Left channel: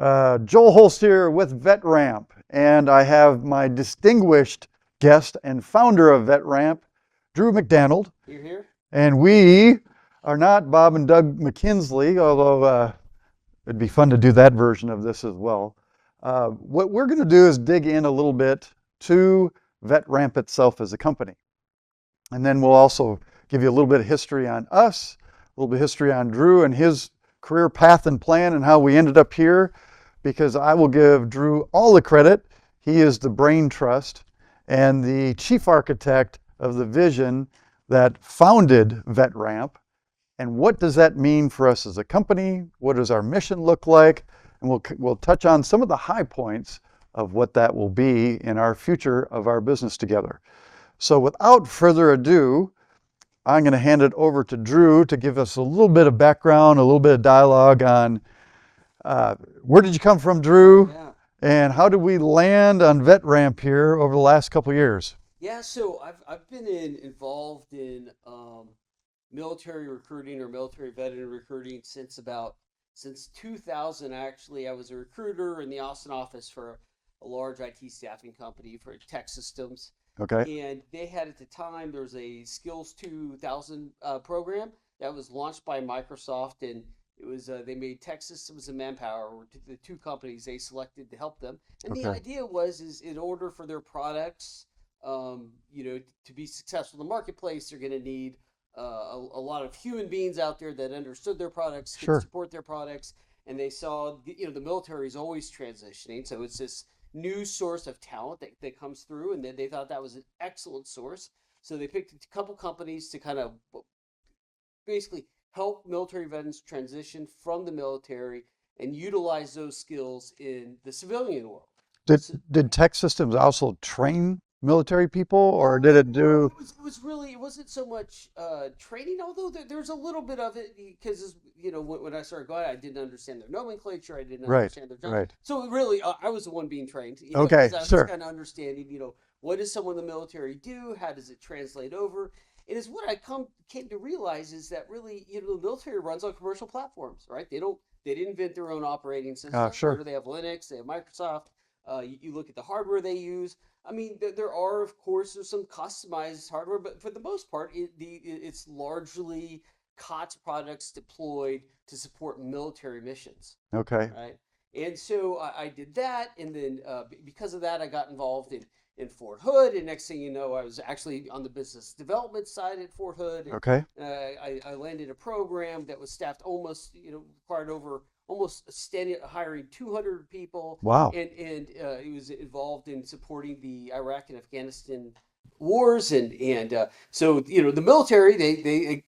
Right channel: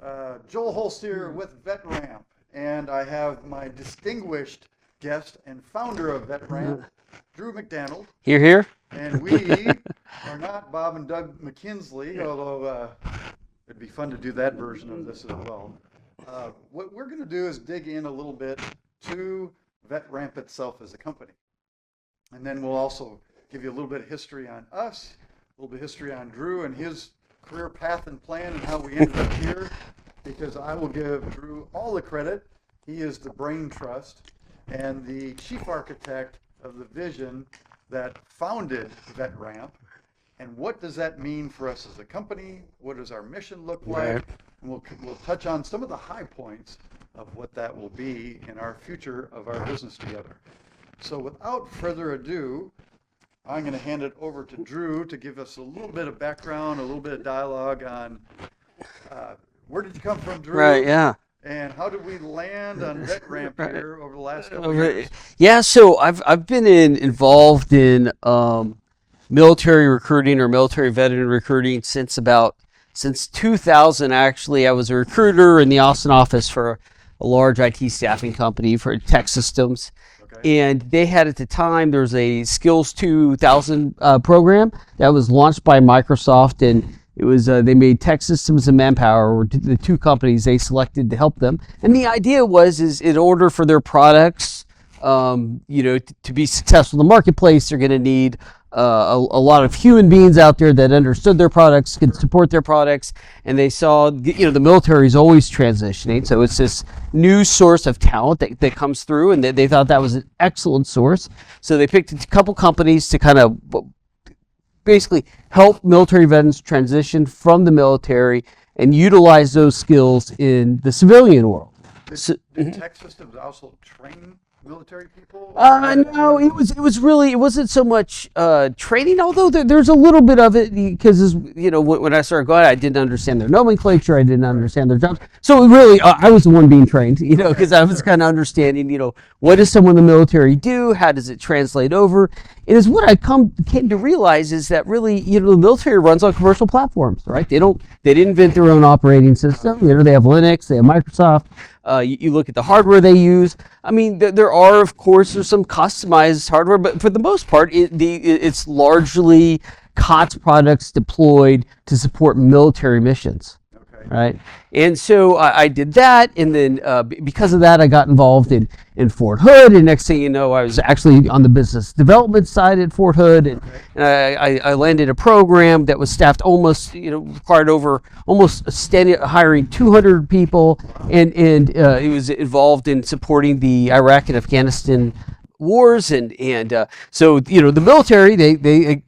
Joel Holst here with VetRamp, and I have my distinguished guest and founder of VetRamp, Drew McDanald. Here. And we are not Bob and Doug McKinsley, although it'd be fun to do that version of this as well. What we're going to do is dig in a little bit to VetRamp itself as a company. And then we'll also give you a little bit of history on us, a little bit of history on Drew and his career path and plan and how we ended up here, because I will give Drew all the credit. He is the brain trust and the chief architect of the vision that founded VetRamp. And what does that mean for us as a company? What does our mission look like? Right. And we'll touch on some of the high points of what that will be in our future of our business together. So without further ado, I'm going to hand it over to Drew to give us a little bit of background, a little bit of dialogue on where did you come from, Drew? Right, yeah. And how did we land on VetRamp here over the last couple of years? Yeah, so I've been involved in military recruiting or military veteran recruiting since 2000. Actually, I was a recruiter in the Austin office for a large IT staffing company for tech systems. Okay. And they had at the time, there was a Skills 2000 program that was launched by Microsoft, and it was they made Tech Systems and Manpower were the two companies they selected to help them. And the idea was, is in order for their products, to be successful in the marketplace, they're going to need a lot of human beings out there that understood their products, could support their products, and they saw, the military is always transitioning, so it's this new source of talent that comes through, and they thought that was an excellent source. So they picked a couple companies to kind of basically help military veterans transition from the military and utilize those skills in the civilian world. Did Tech Systems also train military people, or did it no, do? it wasn't so much training, although there's a little bit of it, because when I started going, I didn't understand their nomenclature, I didn't understand their jobs. Right. So really, I was the one being trained, because I was kind of understanding, what does someone in the military do? How does it translate over? And is what I came to realize is that really, the military runs on commercial platforms, right? They didn't invent their own operating system. They have Linux, they have Microsoft. You look at the hardware they use. I mean, there are, of course, there's some customized hardware, but for the most part, it's largely COTS products deployed to support military missions. Okay. Right. And so I did that, and then because of that, I got involved in Fort Hood, and next thing you know, I was actually on the business development side at Fort Hood, and, and I landed a program that was staffed required over almost hiring 200 people. Wow. And it was involved in supporting the Iraq and Afghanistan wars, and so the military, they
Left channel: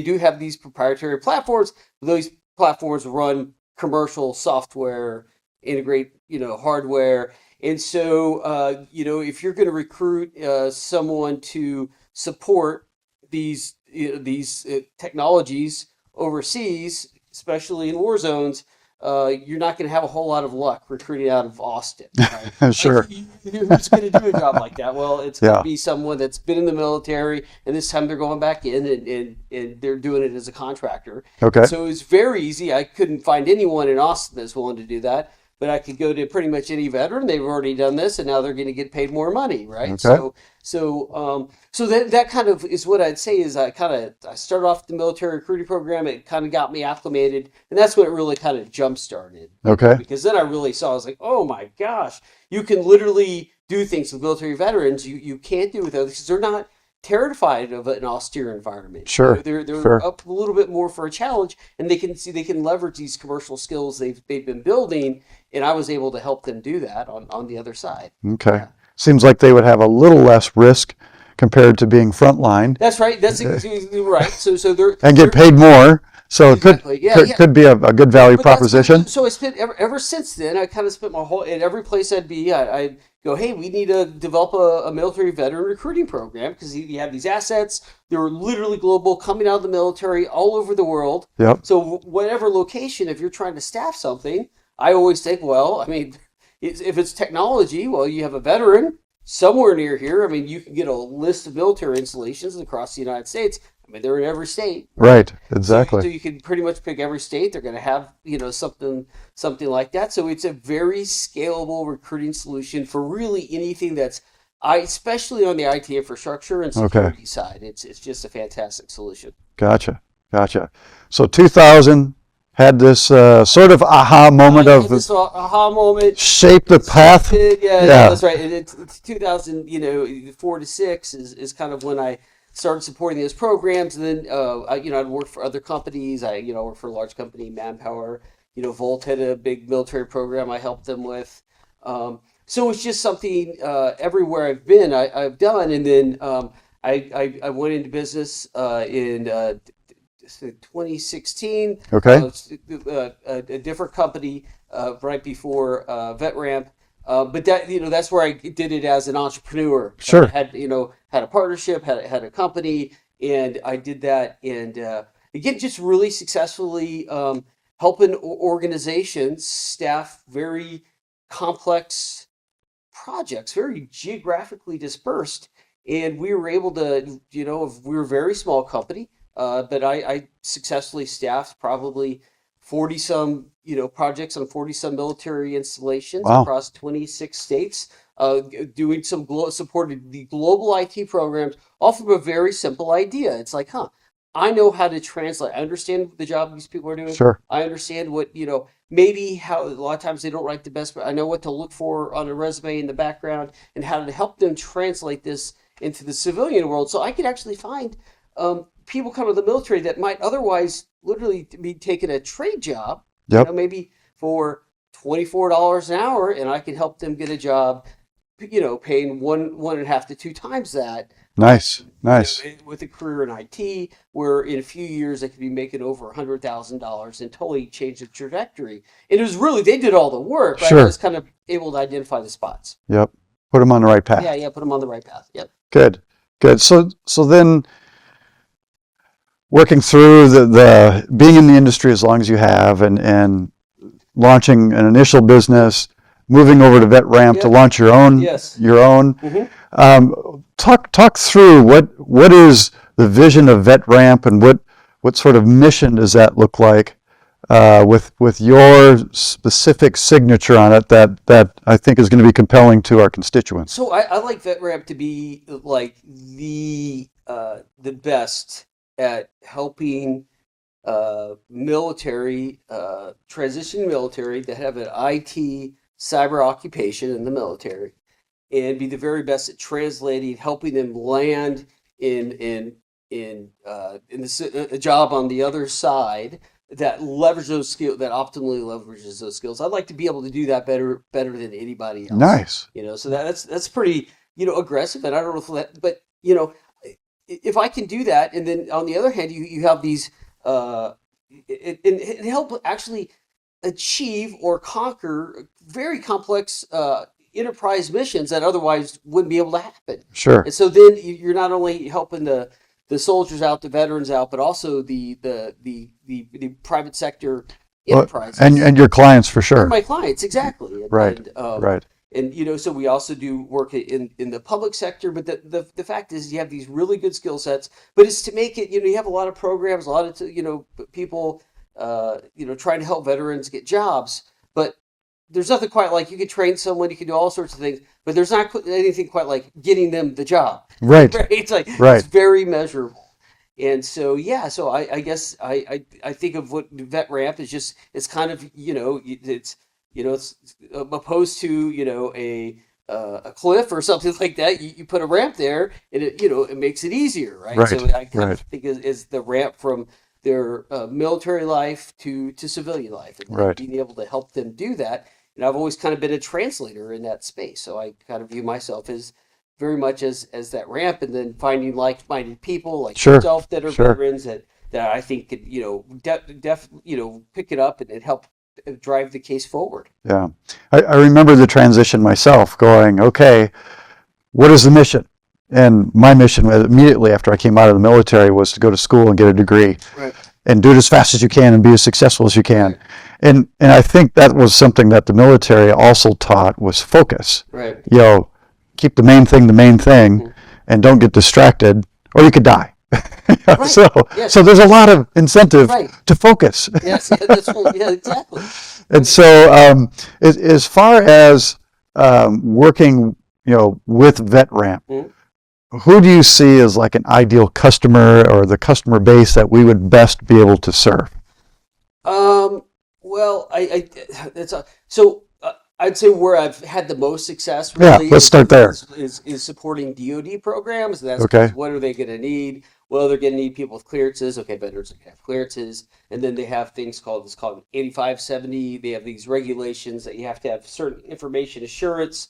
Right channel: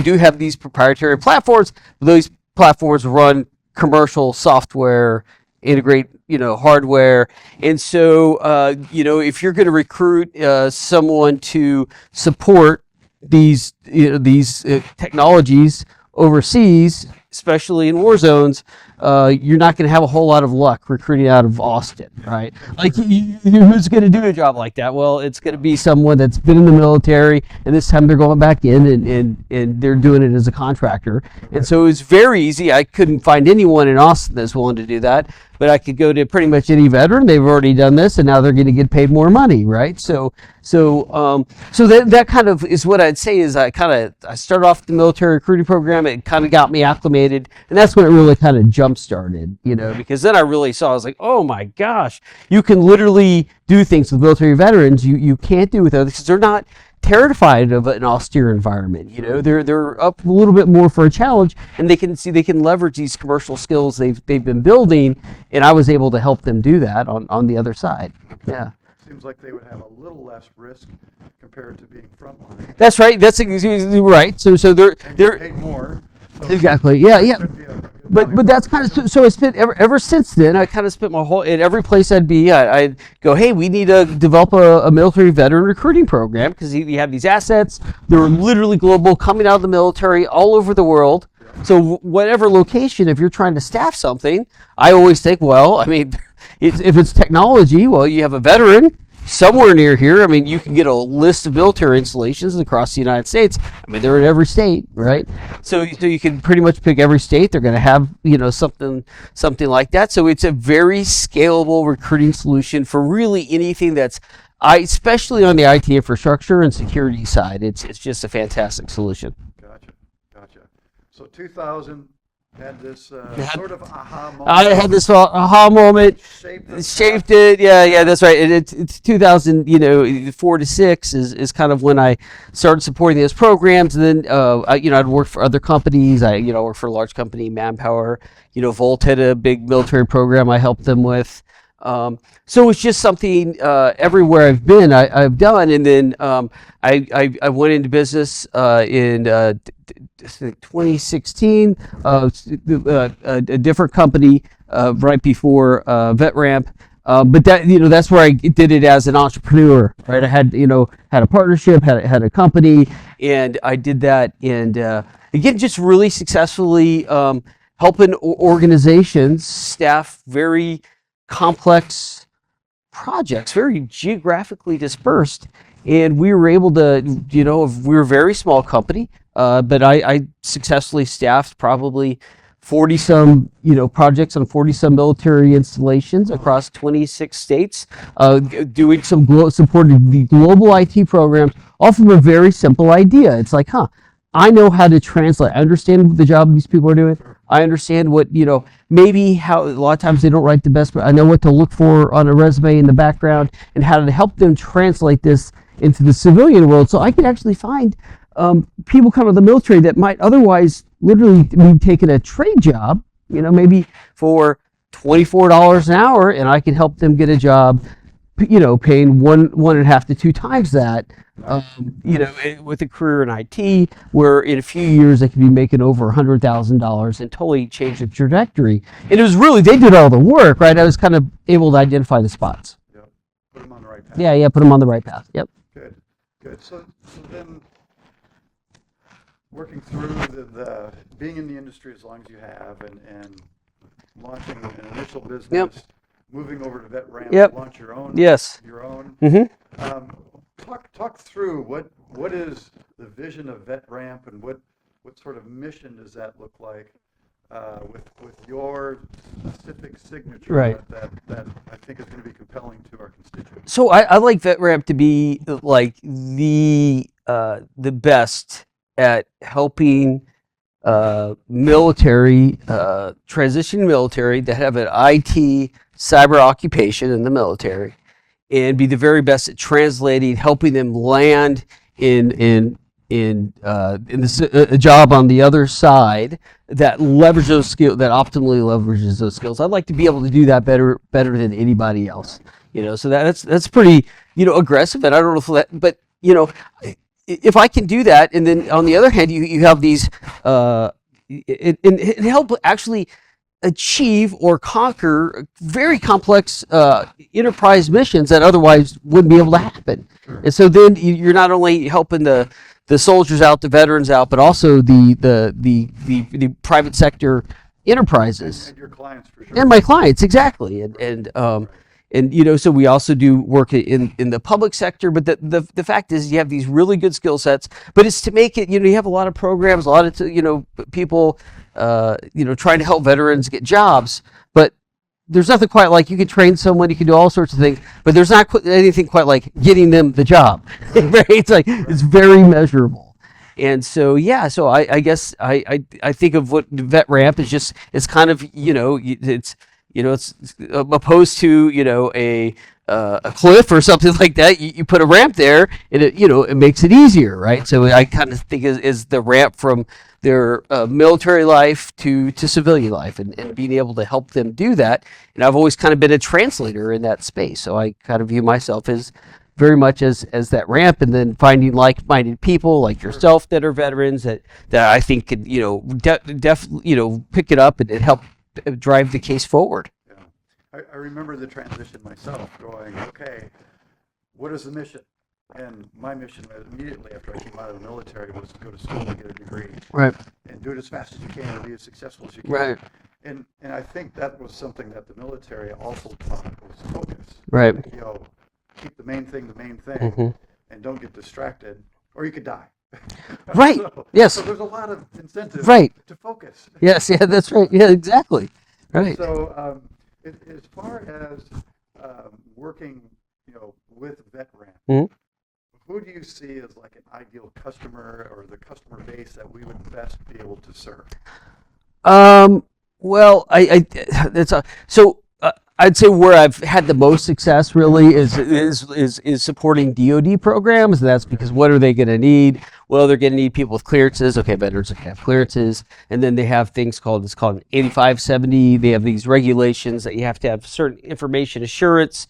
do have these proprietary platforms. Those platforms run commercial software, integrate hardware, and so if you're going to recruit someone to support these technologies overseas, especially in war zones, you're not going to have a whole lot of luck recruiting out of Austin, right? Sure. Who's going to do a job like that? Well, it's going to be someone that's been in the military, and this time they're going back in, and they're doing it as a contractor. Okay. And so it was very easy. I couldn't find anyone in Austin that's willing to do that, but I could go to pretty much any veteran. They've already done this, and now they're going to get paid more money, right? Okay. So that kind of is what I'd say is I started off the military recruiting program. It kind of got me acclimated, and that's when it really kind of jump started. Because then I really saw, I was like, oh my gosh, you can literally do things with military veterans you can't do with others, because they're not terrified of an austere environment. Sure. They're up a little bit more for a challenge, and they can leverage these commercial skills they've been building, and I was able to help them do that on the other side. Okay. Yeah. Seems like they would have a little less risk compared to being frontline. That's right. That's exactly right. So they're get paid more. So exactly. it could be a good value proposition. So I spent ever since then. I kind of spent my whole in every place I'd be. I'd go, hey, we need to develop a military veteran recruiting program, because you have these assets. They're literally global, coming out of the military all over the world. Yep. So whatever location, if you're trying to staff something, I always think, well, I mean, if it's technology, well, you have a veteran. somewhere near here, I mean, you can get a list of military installations across the United States. I mean, they're in every state. Right, So exactly. you can pretty much pick every state. They're going to have, something like that. So it's a very scalable recruiting solution for really anything that's, especially on the IT infrastructure and security side. It's just a fantastic solution. Gotcha. So 2000 had this sort of aha moment I had this aha moment. Shaped the path. Shaped it. Yeah, that's right. It's 2004 to 6 is kind of when I started supporting those programs. And then, I'd worked for other companies. I worked for a large company, Manpower. Volt had a big military program I helped them with. So it's just something everywhere I've been, I've done. And then I went into business in 2016. A different company right before VetRamp. But that's where I did it as an entrepreneur. Sure. Right? I had a partnership, had a company, and I did that. And again, just really successfully helping organizations staff very complex projects, very geographically dispersed. And we were able to, we were a very small company, but I successfully staffed probably 40-some, projects on 40-some military installations across 26 states, doing supporting the global IT programs, all from a very simple idea. It's like, I know how to translate. I understand the job these people are doing. Sure. I understand what, maybe how a lot of times they don't write the best, but I know what to look for on a resume in the background and how to help them translate this into the civilian world. So I can actually find people come out of the military that might otherwise literally be taking a trade job, maybe for $24 an hour, and I can help them get a job, paying 1.5 to 2 times that. Nice. With a career in IT, where in a few years they could be making over $100,000 and totally change the trajectory. And it was really, they did all the work, right? Sure. I was kind of able to identify the spots. Yep. Put them on the right path. Yeah, put them on the right path. Yep. Good. So then, working through the being in the industry as long as you have, and launching an initial business, moving over to VetRamp to launch your own. Yes. Your own. Talk through what is the vision of VetRamp, and what sort of mission does that look like, with your specific signature on it that I think is going to be compelling to our constituents. So I like VetRamp to be like the best at helping military, transitioning military that have an IT cyber occupation in the military, and be the very best at translating, helping them land in a job on the other side that leverage those skills, that optimally leverages those skills. I'd like to be able to do that better than anybody else. Nice. So that's pretty aggressive, and I don't know if that, but if I can do that, and then on the other hand, you have these it help actually achieve or conquer very complex enterprise missions that otherwise wouldn't be able to happen. Sure. And so then you're not only helping the soldiers out, the veterans out, but also the private sector enterprises and your clients for sure. And my clients, exactly. And, right. Right. And so we also do work in the public sector, but the fact is you have these really good skill sets, but it's to make it, you have a lot of programs, a lot of people trying to help veterans get jobs, but there's nothing quite like, you can train someone, you can do all sorts of things, but there's not anything quite like getting them the job. Right. It's like, it's very measurable. And so, I guess I think of what VetRamp is just, it's kind of, it's opposed to, a cliff or something like that. You put a ramp there, and it makes it easier, right? So I kind of think is the ramp from their military life to civilian life, and being able to help them do that. And I've always kind of been a translator in that space, so I kind of view myself as very much as that ramp, and then finding like-minded people like yourself that are veterans that I think could definitely pick it up and help drive the case forward. Yeah, I remember the transition myself, going, okay, what is the mission? And my mission immediately after I came out of the military was to go to school and get a degree, and do it as fast as you can and be as successful as you can. And I think that was something that the military also taught, was focus. keep the main thing, and don't get distracted, or you could die. Right. So there's a lot of incentive Right. to focus. Yes, yeah, that's right. Yeah, exactly. And so as far as working, with VetRamp, who do you see as like an ideal customer or the customer base that we would best be able to serve? Well, I'd say where I've had the most success really let's start there. is supporting DoD programs. And that's Okay. because what are they going to need? Well, they're going to need people with clearances. Okay, veterans have clearances, and then they have things called 8570. They have these regulations that you have to have certain information assurance.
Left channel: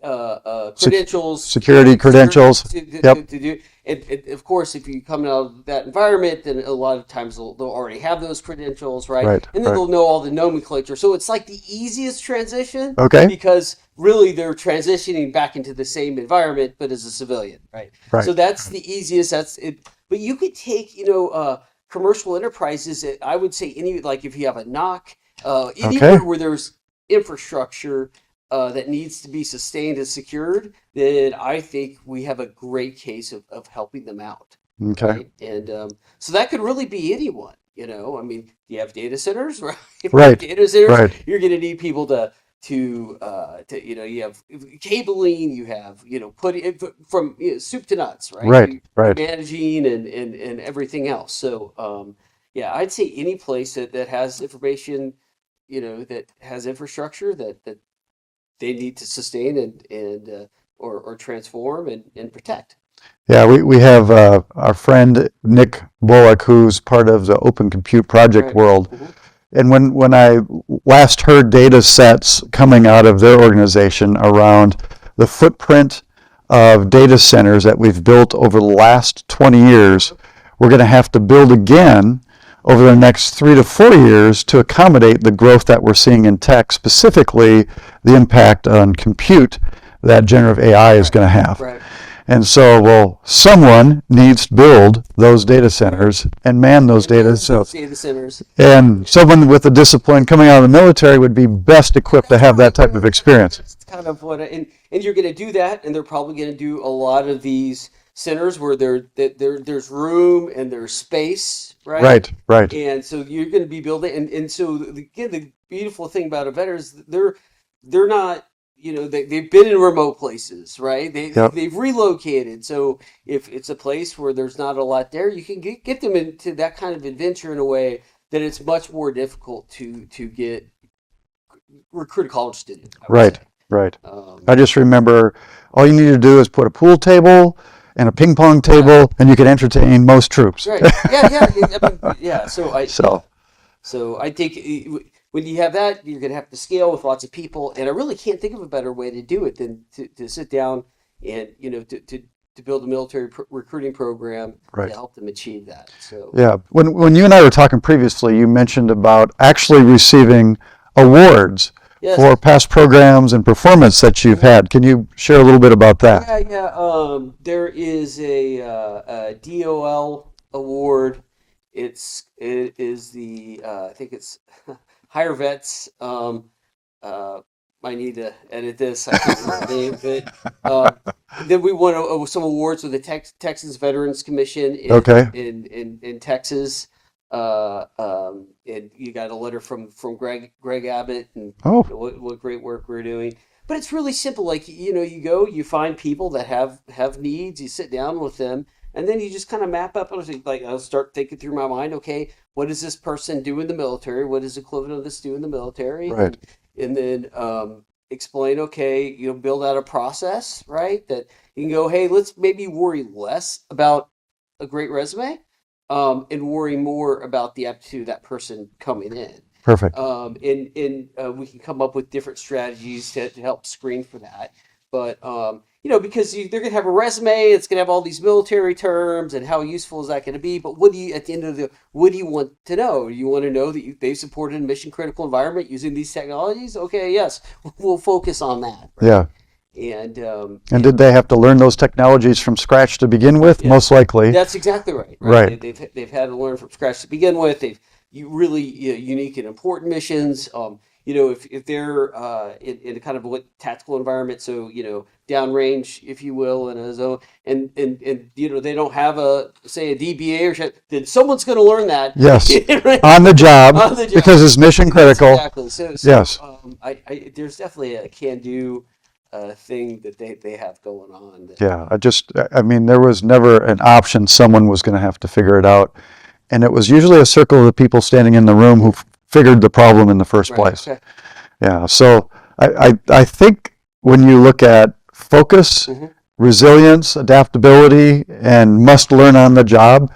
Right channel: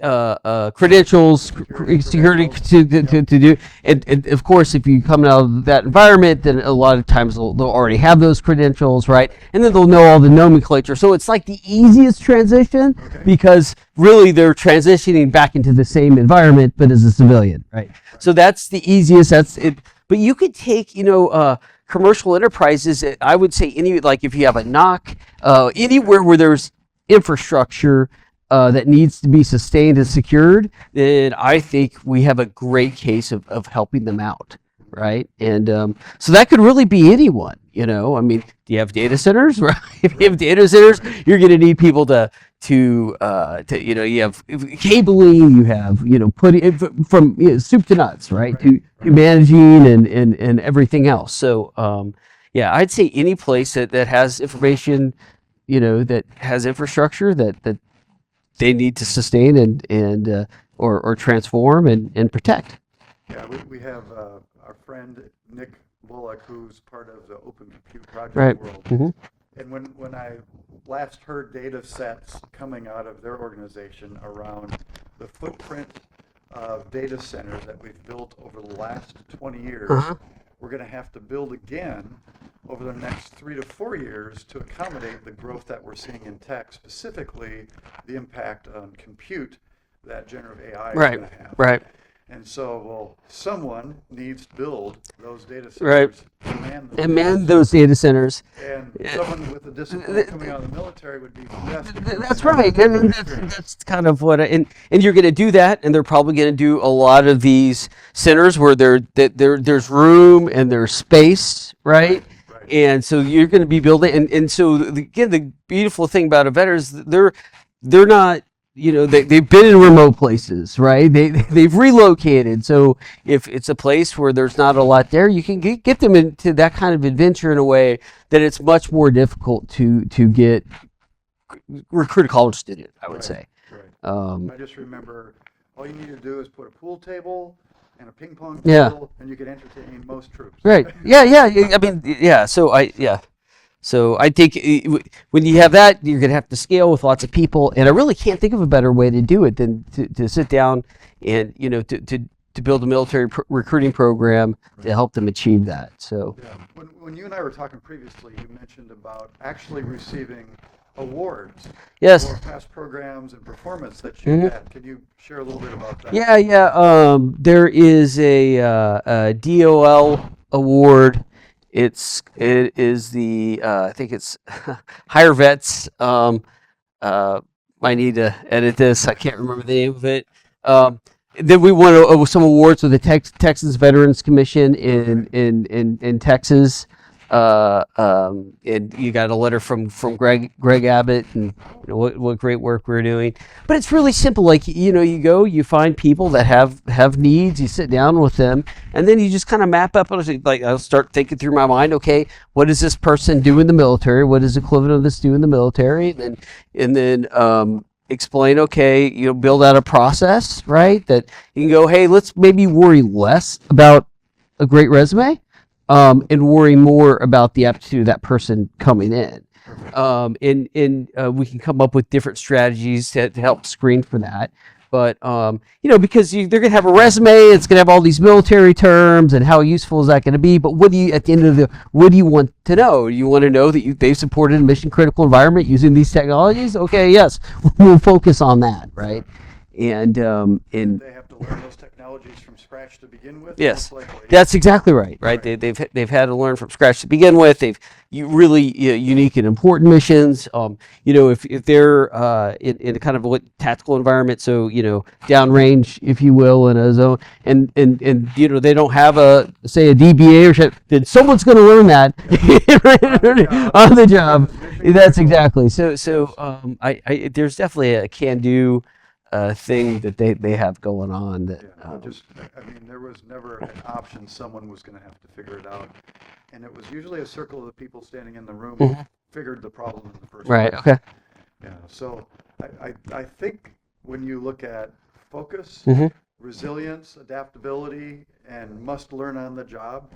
Credentials, security credentials to do, and of course, if you come out of that environment, then a lot of times they'll already have those credentials, right? And then they'll know all the nomenclature. So it's like the easiest transition, because really they're transitioning back into the same environment, but as a civilian, right? So that's the easiest. That's it. But you could take, commercial enterprises. I would say like if you have a knock, anywhere where there's infrastructure that needs to be sustained and secured, then I think we have a great case of helping them out, right? And so that could really be anyone, I mean, do you have data centers, right? If you have data centers, you're going to need people to you have cabling, you have, putting from soup to nuts, right? Managing and everything else. So, I'd say any place that has information, that has infrastructure that they need to sustain and or transform and protect. Yeah, we have our friend Nick Bullock, who's part of the Open Compute Project world. And when I last heard data sets coming out of their organization around the footprint of data centers that we've built over the last 20 years, we're going to have to build again over the next 3 to 4 years to accommodate the growth that we're seeing in tech, specifically the impact on compute that generative AI is going to have. And so, someone needs to build those data centers and man those data centers. And someone with the discipline coming out of the military would be best equipped to have that type of experience. That's kind of what, and you're going to do that, and they're probably going to do a lot of these centers where there's room and there's space, right? And so you're going to be building, and so again, the beautiful thing about a vet is they're not. They've been in remote places, right? They've relocated. So if it's a place where there's not a lot there, you can get them into that kind of adventure in a way that it's much more difficult to recruit a college student, I would say. I just remember all you need to do is put a pool table and a ping pong table, and you can entertain most troops. So I think when you have that, you're going to have to scale with lots of people, and I really can't think of a better way to do it than to sit down and to build a military recruiting program to help them achieve that. So when you and I were talking previously, you mentioned about actually receiving awards for past programs and performance that you've had. Can you share a little bit about that? There is a DOL award. It is the I think it's Higher Vets. I need to edit this. I can't remember the name of it. Then we won some awards with the Texas Veterans Commission in Texas. And you got a letter from Greg Abbott and what great work we're doing. But it's really simple. Like, you go, you find people that have needs, you sit down with them, and then you just kind of map up. Like, I'll start thinking through my mind, okay, what does this person do in the military? What does the equivalent of this do in the military? And then explain, build out a process, right? That you can go, hey, let's maybe worry less about a great resume. And worry more about the aptitude of that person coming in. Perfect. And we can come up with different strategies to help screen for that. But, because they're going to have a resume, it's going to have all these military terms, and how useful is that going to be? But what do you want to know? You want to know that they've supported a mission critical environment using these technologies? Okay, yes, we'll focus on that. Right? And did they have to learn those technologies from scratch to begin with? Yes. Most likely. That's exactly right. Right. They've had to learn from scratch to begin with. They've really unique and important missions. If they're in kind of what tactical environment, so downrange, if you will, in a zone, and they don't have a DBA or shit, then someone's going to learn that. Yes. Right? On the job. Because it's mission That's critical. exactly. So Yes. there's definitely a can-do thing that they have going on. I mean, there was never an option someone was going to have to figure it out. And it was usually a circle of the people standing in the room who figured the problem in the first place. Okay. Yeah, so I think when you look at focus, resilience, adaptability, and must learn on the job,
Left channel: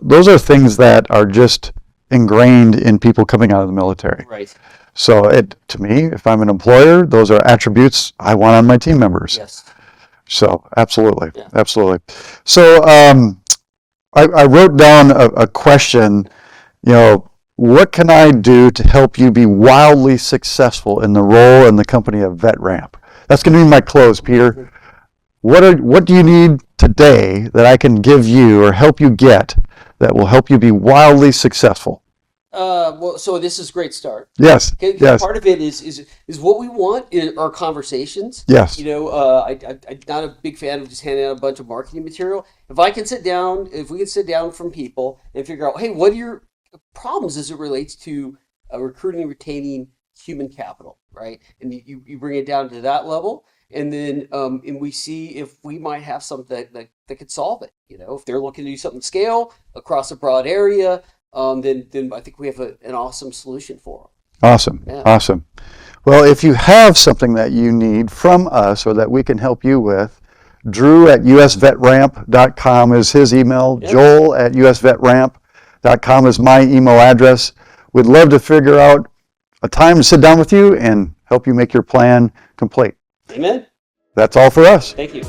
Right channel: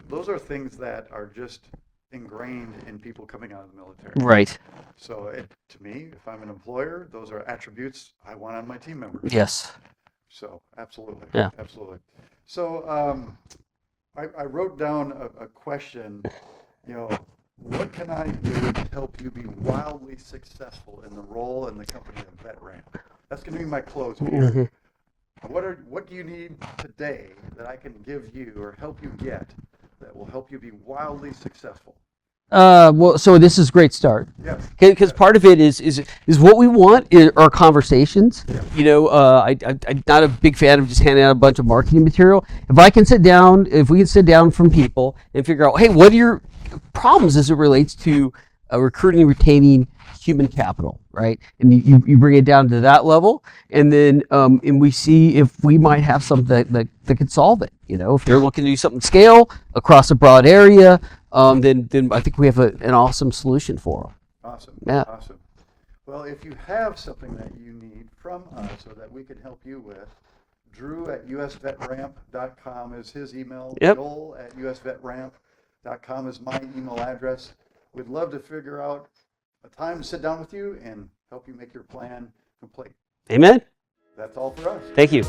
those are things that are just ingrained in people coming out of the military. Right. So to me, if I'm an employer, those are attributes I want on my team members. Yes. So absolutely, Yeah. absolutely. So I wrote down a question, what can I do to help you be wildly successful in the role and the company of VetRamp? That's going to be my close, Peter. What do you need today that I can give you or help you get that will help you be wildly successful? So this is a great start. Yes. Because part of it is what we want are conversations. Yes. I'm not a big fan of just handing out a bunch of marketing material. If we can sit down from people and figure out, hey, what are your problems as it relates to recruiting and retaining human capital, right? And you bring it down to that level, and then and we see if we might have something that could solve it. If they're looking to do something scale across a broad area. Then I think we have an awesome solution for them. Awesome. Yeah. Awesome. Well, if you have something that you need from us or that we can help you with, Drew at usvetramp.com is his email. Yep. Joel at usvetramp.com is my email address. We'd love to figure out a time to sit down with you and help you make your plan complete. Amen. That's all for us. Thank you.